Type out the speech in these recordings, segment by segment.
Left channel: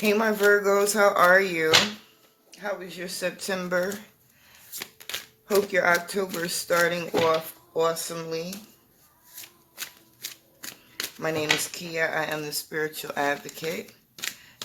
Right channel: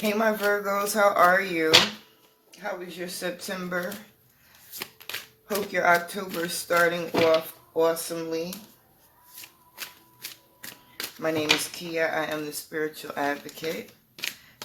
Hey my Virgos, how are you? How was your September? Hope your October is starting off awesomely. My name is Kia. I am the Spiritual Advocate,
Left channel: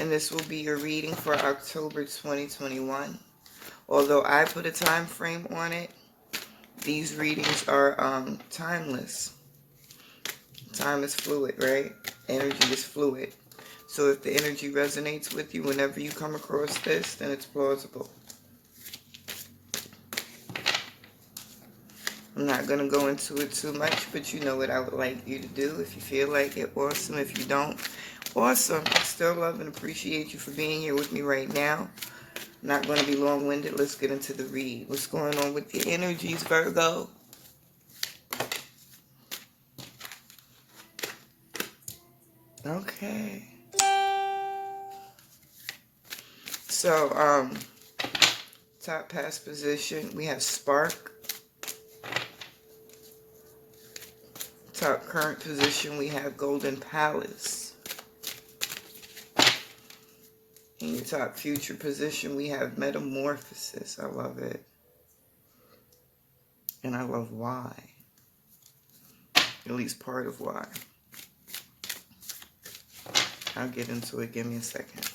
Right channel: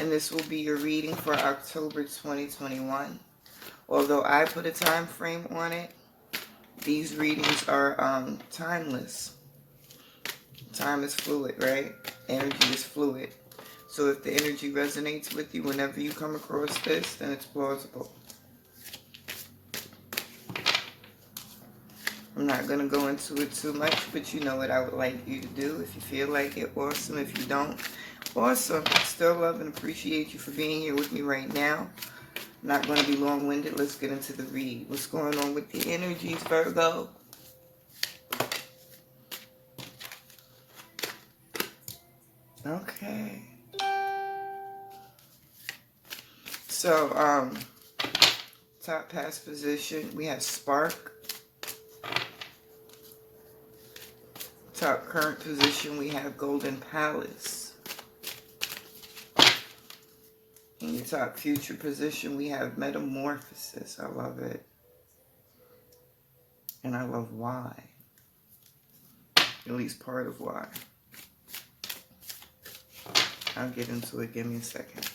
and this will be your reading for October 2021. Although I put a time frame on it, these readings are timeless. Time is fluid, right? Energy is fluid. So if the energy resonates with you whenever you come across this, then it's plausible. I'm not going to go into it too much, but you know what I would like you to do. If you feel like it, awesome. If you don't, awesome. I still love and appreciate you for being here with me right now. I'm not going to be long-winded. Let's get into the read. What's going on with the energies, Virgo? Okay. So, top past position, we have Spark. Top current position, we have Golden Palace. In your top future position, we have Metamorphosis. I love it. And I love why. At least part of why. I'll get into it. Give me a second.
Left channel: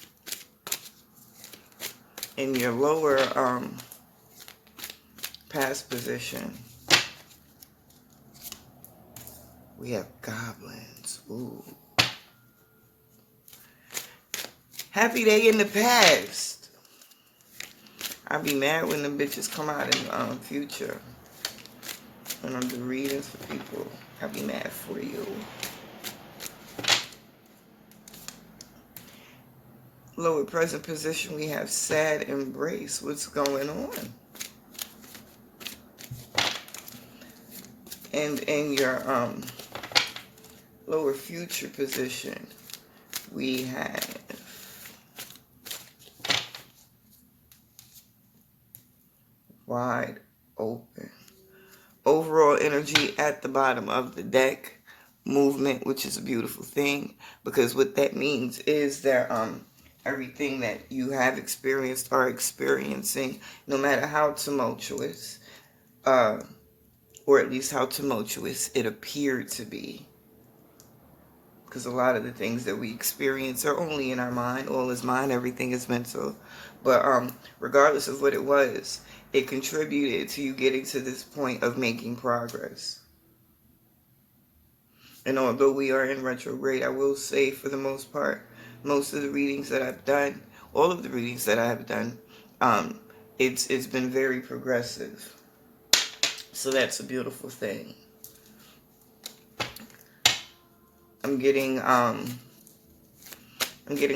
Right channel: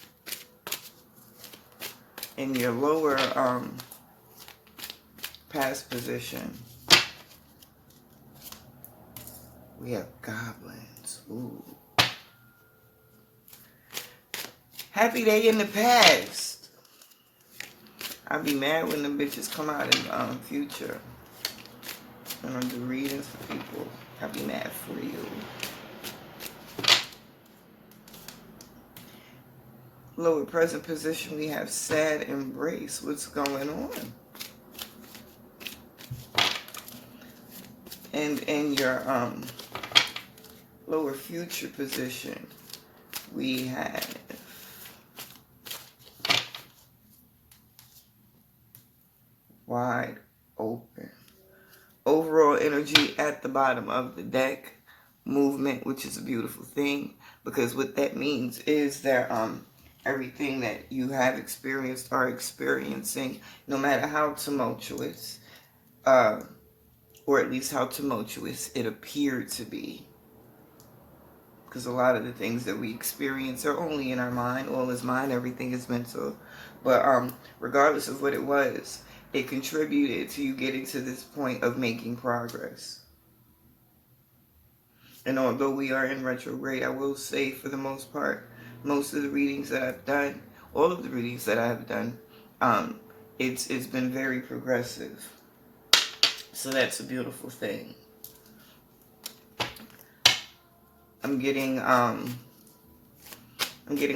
In your lower past position, we have Goblins. Ooh. Happy day in the past. I'll be mad when the bitches come out in the future. When I'm doing readings for people, I'll be mad for you. Lower present position, we have Sad Embrace. What's going on? And in your lower future position, we have Wide Open. Overall energy at the bottom of the deck. Movement, which is a beautiful thing, because what that means is that everything that you have experienced or experiencing, no matter how tumultuous, or at least how tumultuous it appeared to be, because a lot of the things that we experience are only in our mind. All is mind, everything is mental. But regardless of what it was, it contributed to you getting to this point of making progress. And although we are in retrograde, I will say for the most part, most of the readings that I've done, all of the readings that I have done, it's been very progressive. So that's a beautiful thing. I'm getting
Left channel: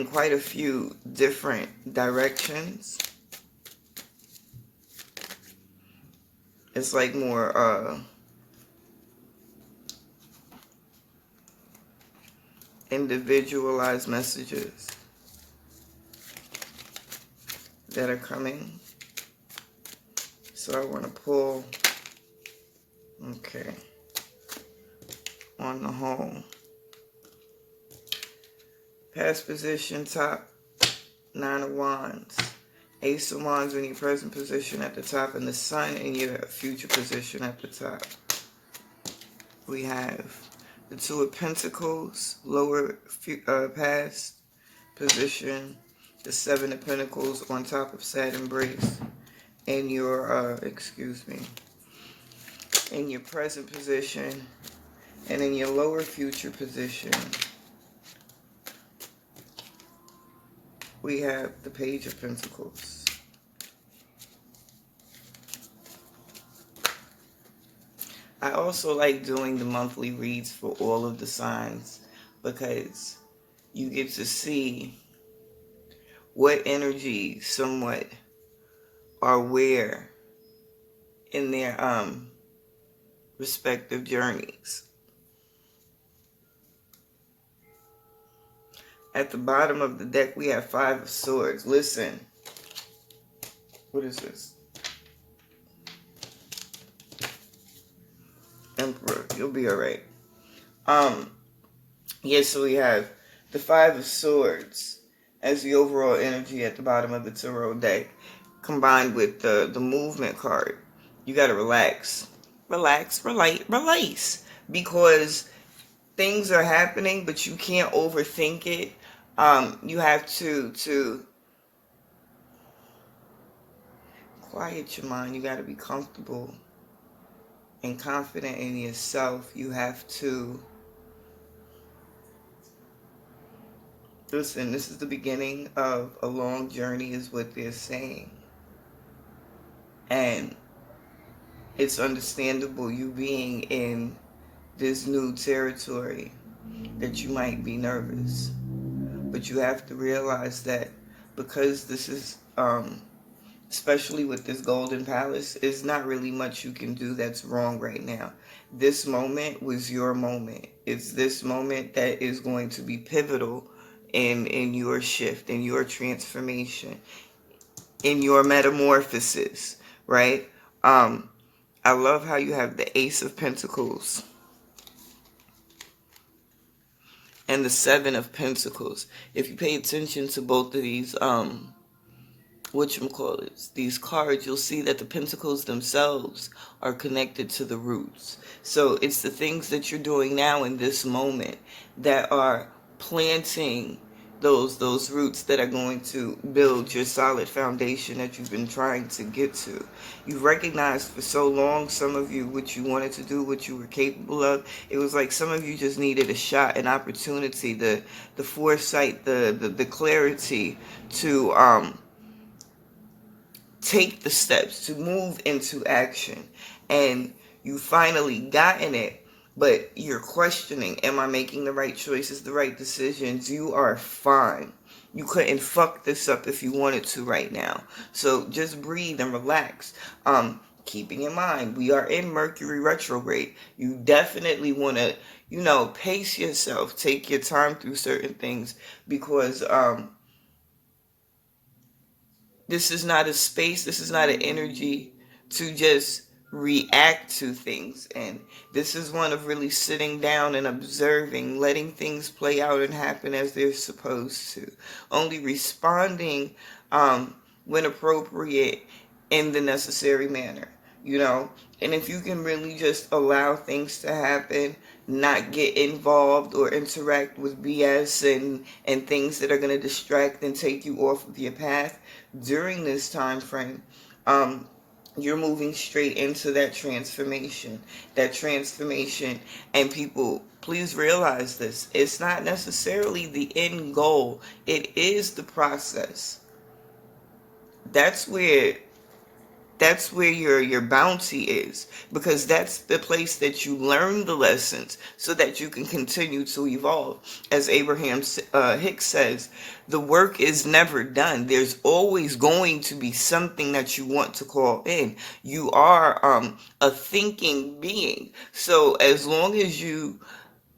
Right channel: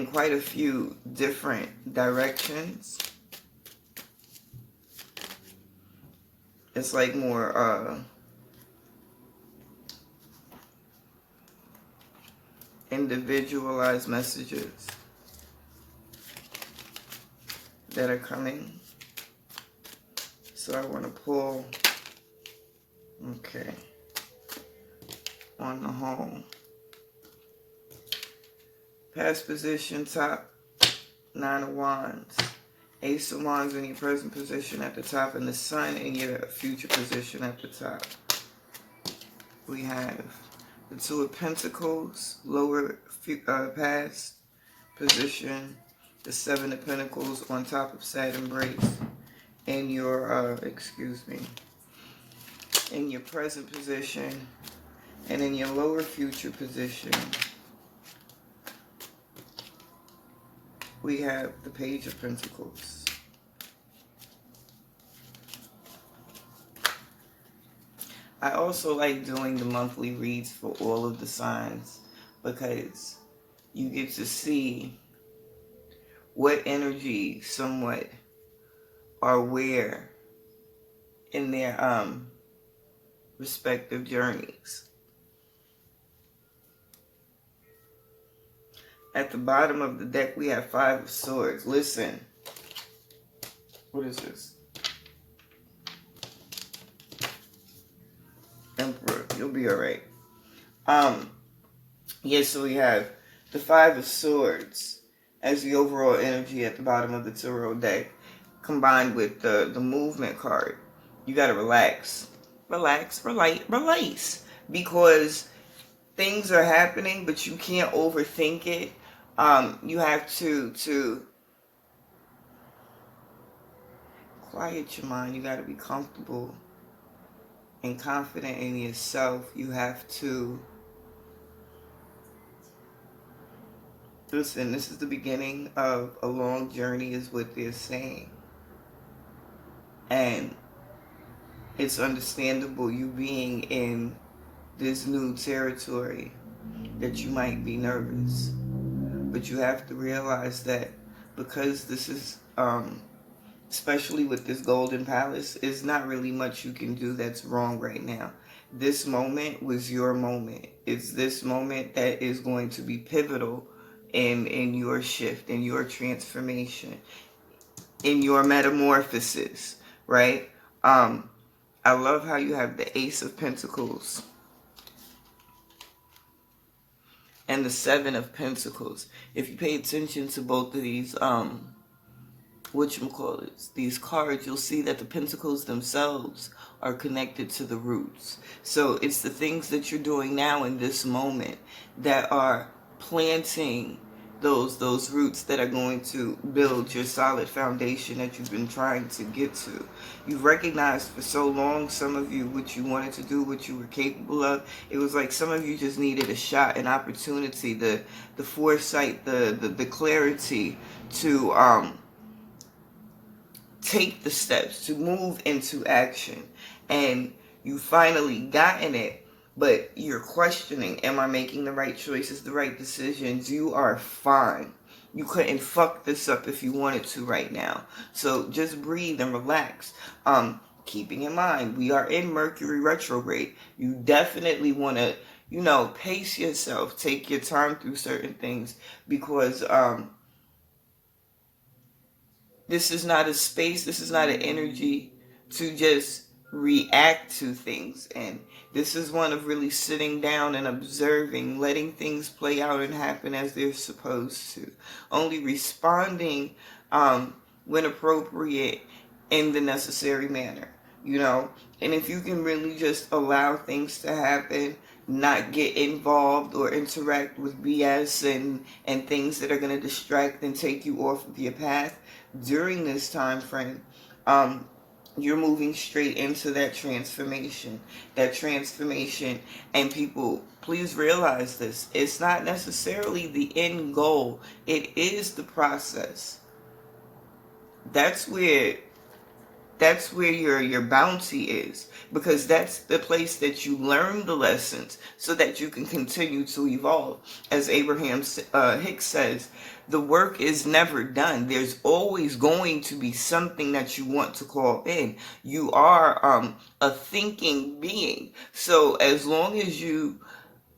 quite a few different directions. It's like more individualized messages that are coming. So I want to pull, okay, on the whole. Past position, top, 9 of Wands. Ace of Wands in your present position at the top, and the Sun in your future position at the top. We have the Two of Pentacles, lower past position, the Seven of Pentacles on top of Sad Embrace, in your, in your present position, and in your lower future position, we have the Page of Pentacles. I also like doing the monthly reads for all of the signs, because you get to see what energy somewhat are where in their respective journeys. At the bottom of the deck, we have Five of Swords. Listen. What is this? Emperor. You'll be alright. Yeah, so we have the Five of Swords. as the overall energy at the bottom of the tarot deck, combined with the movement card. You got to relax. Relax, release. Because things are happening, but you can't overthink it. You have to quiet your mind. You got to be comfortable and confident in yourself. You have to listen. This is the beginning of a long journey, is what they're saying, and it's understandable, you being in this new territory, that you might be nervous. But you have to realize that because this is, especially with this golden palace, is not really much you can do that's wrong right now. This moment was your moment. It's this moment that is going to be pivotal in your shift, in your transformation, in your metamorphosis, right? I love how you have the Ace of Pentacles and the Seven of Pentacles. If you pay attention to both of these, these cards, you'll see that the pentacles themselves are connected to the roots. So it's the things that you're doing now in this moment that are planting those roots that are going to build your solid foundation that you've been trying to get to. You've recognized for so long, some of you, what you wanted to do, what you were capable of. It was like some of you just needed a shot, an opportunity, the foresight, the clarity to take the steps, to move into action. And you finally gotten it. But you're questioning, am I making the right choices, the right decisions? You are fine. You couldn't fuck this up if you wanted to right now. So just breathe and relax. Keeping in mind, we are in Mercury retrograde. You definitely want to, pace yourself. Take your time through certain things. Because this is not a space, this is not an energy to just react to things. And this is one of really sitting down and observing, letting things play out and happen as they're supposed to. Only responding when appropriate in the necessary manner, And if you can really just allow things to happen, not get involved or interact with BS and things that are going to distract and take you off of your path during this time frame, you're moving straight into that transformation. And people, please realize this. It's not necessarily the end goal. It is the process. That's where your bounty is, because that's the place that you learn the lessons so that you can continue to evolve. As Abraham Hicks says, the work is never done. There's always going to be something that you want to call in. You are a thinking being. So as long as you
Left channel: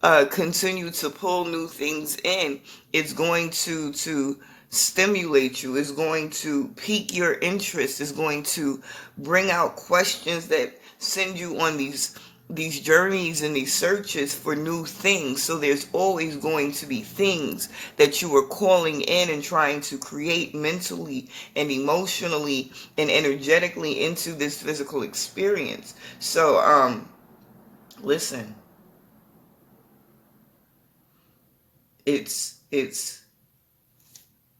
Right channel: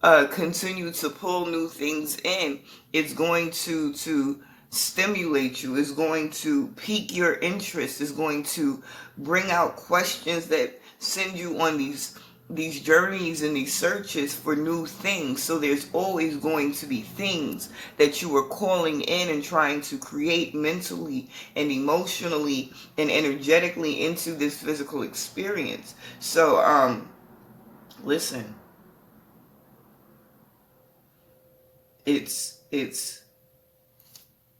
continue to pull new things in, it's going to stimulate you, is going to pique your interest, is going to bring out questions that send you on these journeys and these searches for new things. So there's always going to be things that you are calling in and trying to create mentally and emotionally and energetically into this physical experience. So listen, it's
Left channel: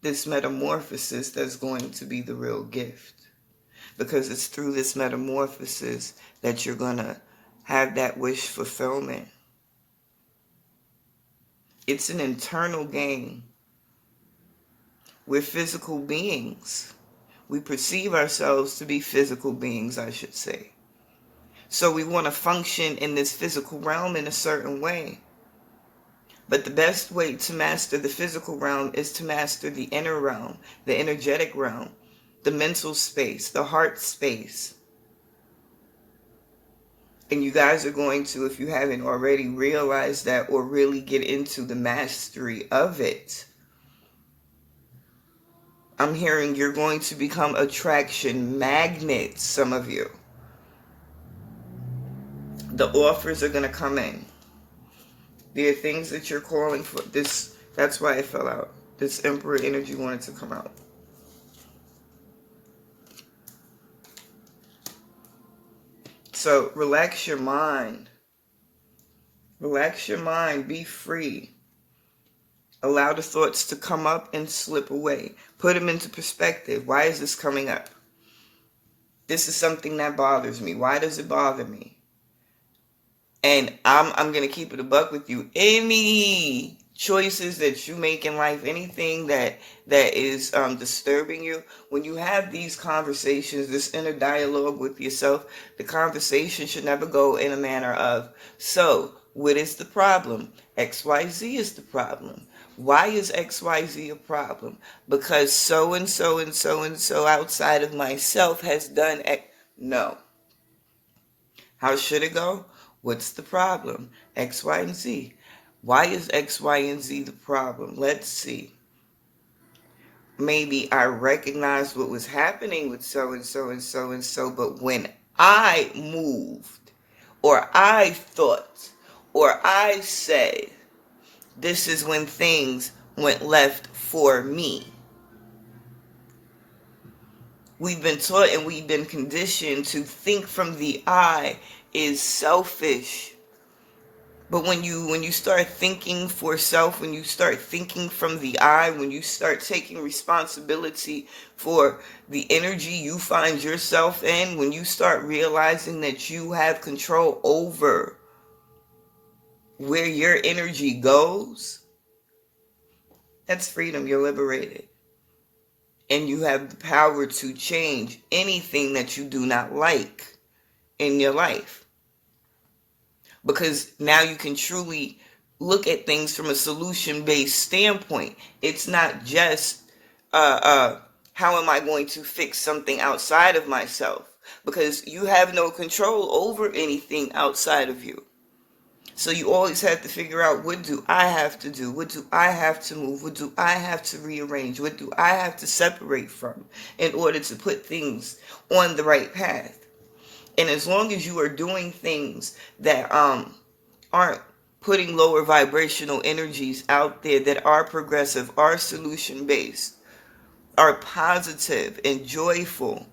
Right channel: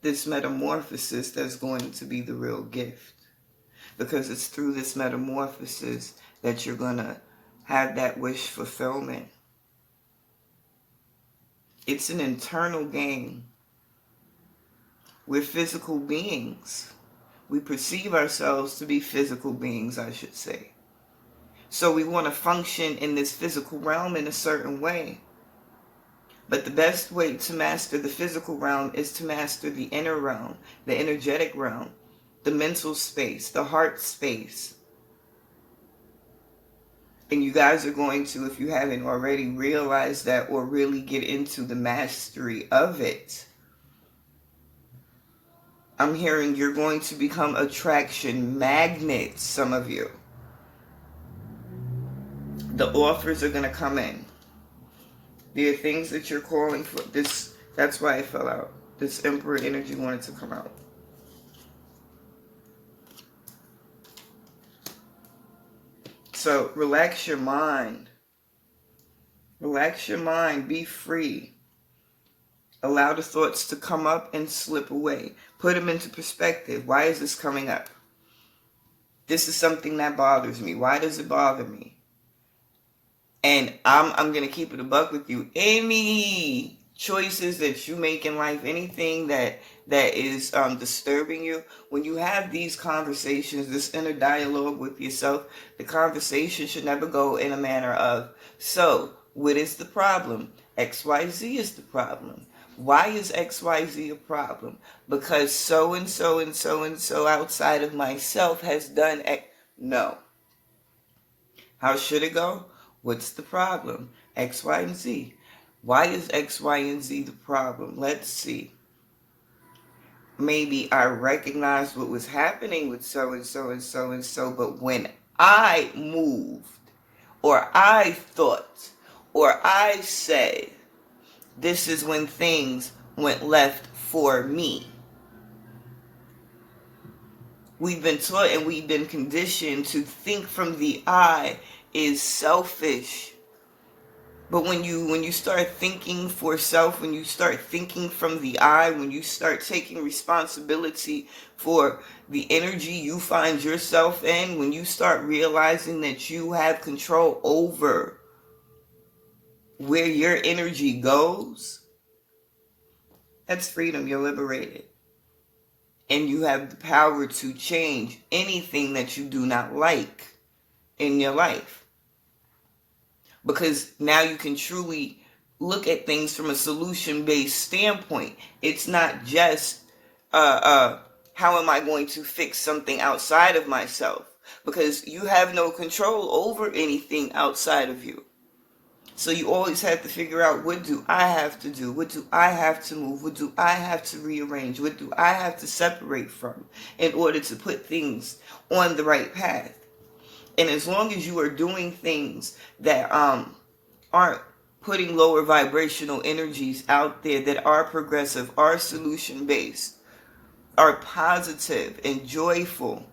this metamorphosis that's going to be the real gift, because it's through this metamorphosis that you're going to have that wish fulfillment. It's an internal game. We're physical beings. We perceive ourselves to be physical beings, I should say. So we want to function in this physical realm in a certain way. But the best way to master the physical realm is to master the inner realm, the energetic realm, the mental space, the heart space. And you guys are going to, if you haven't already realized that or really get into the mastery of it, I'm hearing you're going to become attraction magnets, some of you. The offers are going to come in. There are things that you're calling for. That's why it fell out. This Emperor energy wanted to come out. So relax your mind. Relax your mind. Be free. Allow the thoughts to come up and slip away. Put them into perspective. Why is this coming up? This is something that bothers me. Why does it bother me? And I'm going to keep it a buck with you. Any choices that you make in life, anything that is disturbing you, when you have these conversations, this inner dialogue with yourself, the conversation should never go in a manner of, so, what is the problem? XYZ is the problem. Why is XYZ a problem? Because so and so and so and so outside of myself has done X. No. How should it go? What's the problem? X, Y, and Z. Why is X, Y, and Z the problem? Let's see. Maybe I recognized what was happening with so and so and so and so, but when I moved, or I thought, or I said, this is when things went left for me. We've been taught and we've been conditioned to think from the I is selfish. But when you start thinking for self, when you start thinking from the I, when you start taking responsibility for the energy you find yourself in, when you start realizing that you have control over where your energy goes, that's freedom. You're liberated. And you have the power to change anything that you do not like in your life. Because now you can truly look at things from a solution-based standpoint. It's not just, how am I going to fix something outside of myself? Because you have no control over anything outside of you. So you always have to figure out, what do I have to do? What do I have to move? What do I have to rearrange? What do I have to separate from in order to put things on the right path? And as long as you are doing things that aren't putting lower vibrational energies out there, that are progressive, are solution-based, are positive and joyful,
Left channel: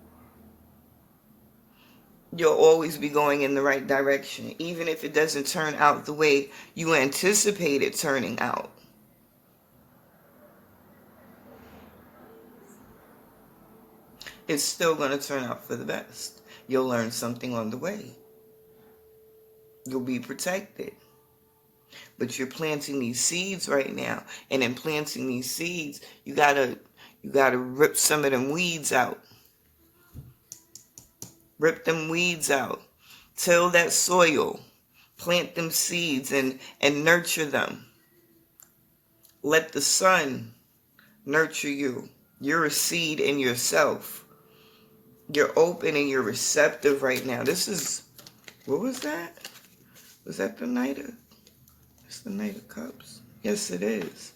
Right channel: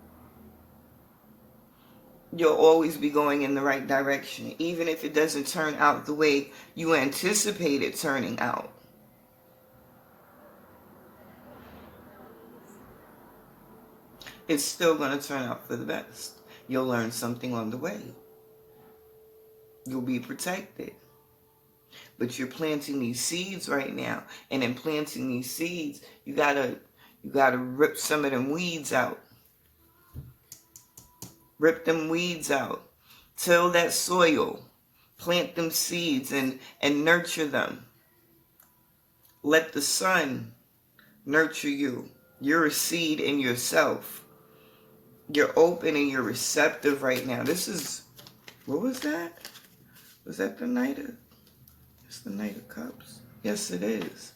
you'll always be going in the right direction, even if it doesn't turn out the way you anticipate it turning out. It's still going to turn out for the best. You'll learn something on the way. You'll be protected. But you're planting these seeds right now. And in planting these seeds, you gotta rip some of them weeds out. Rip them weeds out. Till that soil. Plant them seeds and nurture them. Let the sun nurture you. You're a seed in yourself. You're open and you're receptive right now. This is, what was that? Was that the Knight of, it's the Knight of Cups. Yes, it is.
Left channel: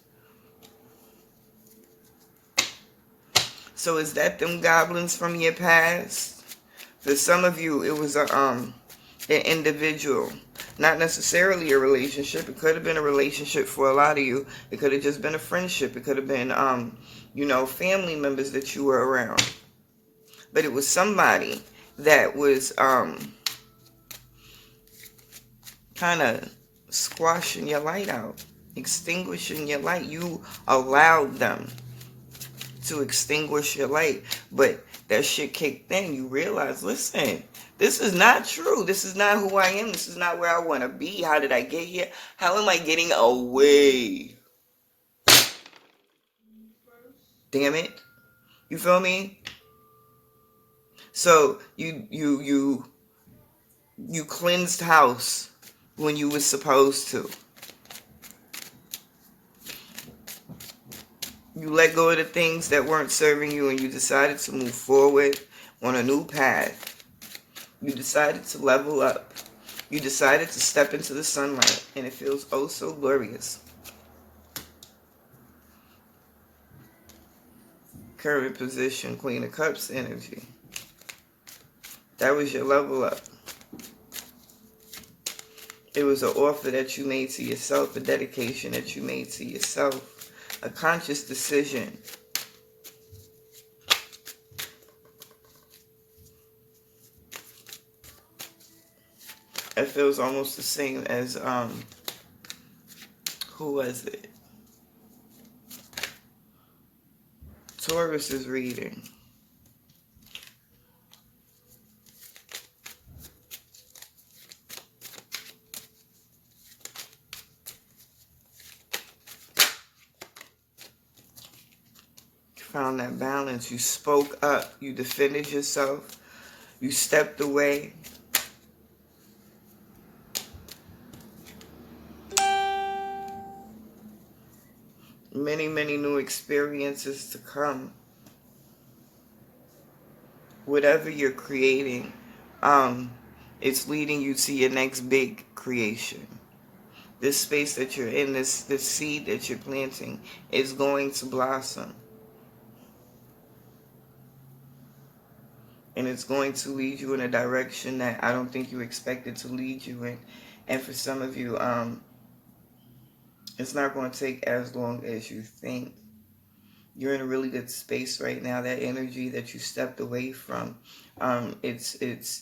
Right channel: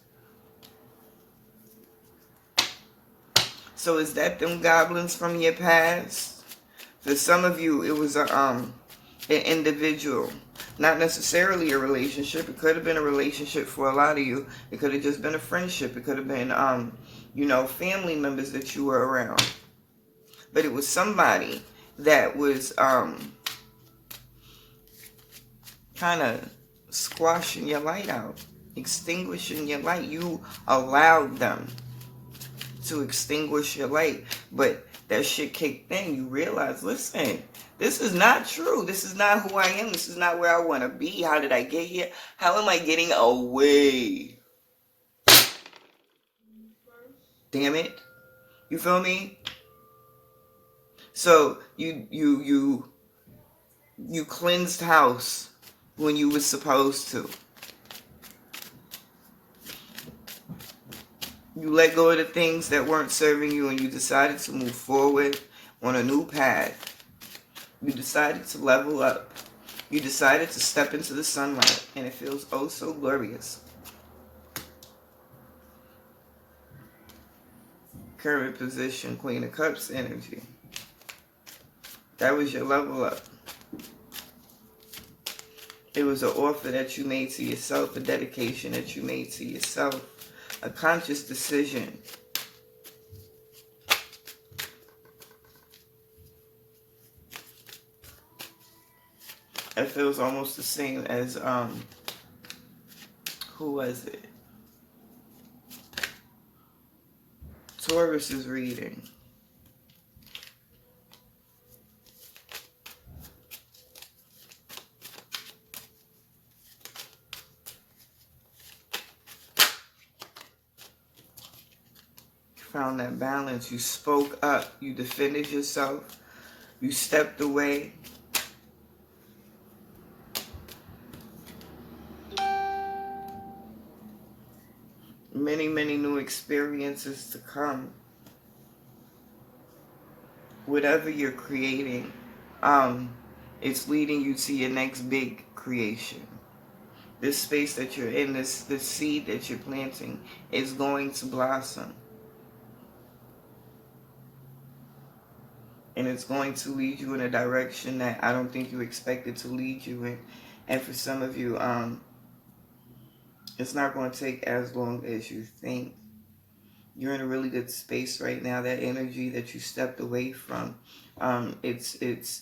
So is that them goblins from your past? For some of you, it was an individual. Not necessarily a relationship. It could have been a relationship for a lot of you. It could have just been a friendship. It could have been, family members that you were around. But it was somebody that was kind of squashing your light out, extinguishing your light. You allowed them to extinguish your light, but that shit kicked in. You realize, listen, this is not true. This is not who I am. This is not where I want to be. How did I get here? How am I getting away? Damn it. You feel me? So you cleansed house when you were supposed to. You let go of the things that weren't serving you and you decided to move forward on a new path. You decided to level up. You decided to step into the sunlight, and it feels oh so glorious. Current position, Queen of Cups energy. That was your level up. It was an offer that you made to yourself, a dedication that you made to yourself a conscious decision. It feels almost the same as, who was it? Taurus's reading. You found that balance. You spoke up. You defended yourself. You stepped away. Many, many new experiences to come. Whatever you're creating, it's leading you to your next big creation. This space that you're in, this seed that you're planting, is going to blossom. And it's going to lead you in a direction that I don't think you expected to lead you in. And for some of you, it's not going to take as long as you think. You're in a really good space right now. That energy that you stepped away from, it's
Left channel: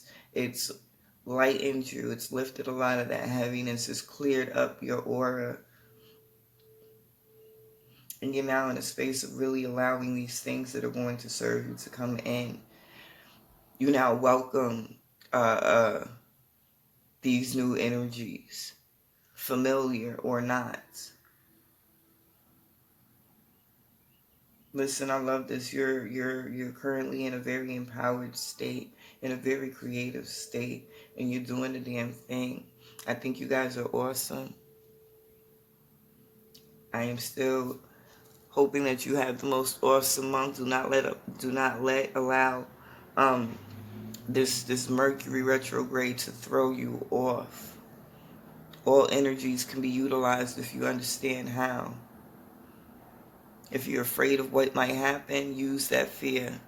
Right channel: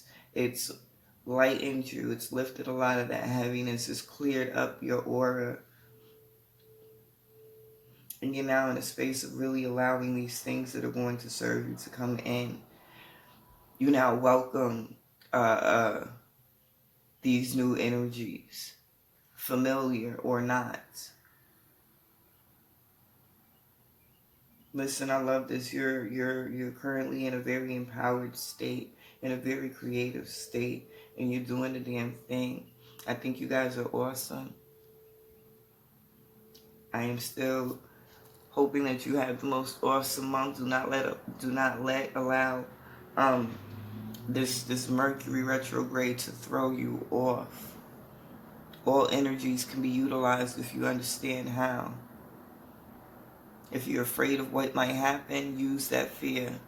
lightened you. It's lifted a lot of that heaviness. It's cleared up your aura. And you're now in a space of really allowing these things that are going to serve you to come in. You now welcome these new energies, familiar or not. Listen, I love this. You're currently in a very empowered state, in a very creative state, and you're doing the damn thing. I think you guys are awesome. I am still hoping that you have the most awesome month. Do not allow this Mercury retrograde to throw you off. All energies can be utilized if you understand how. If you're afraid of what might happen, use that fear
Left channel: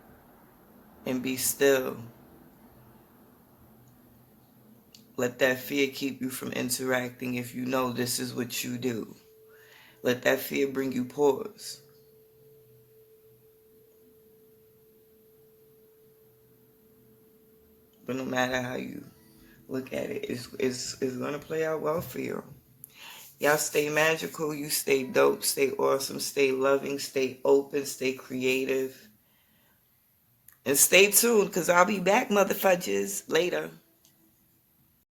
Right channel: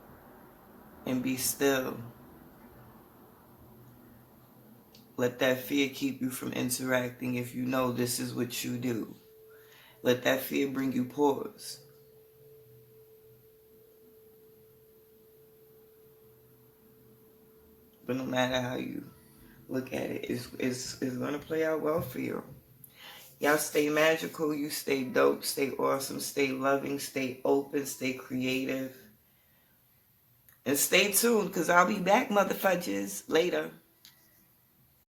and be still. Let that fear keep you from interacting if you know this is what you do. Let that fear bring you pause. But no matter how you look at it, it's going to play out well for you. Y'all stay magical, you stay dope, stay awesome, stay loving, stay open, stay creative. And stay tuned, because I'll be back, motherfuckers, later.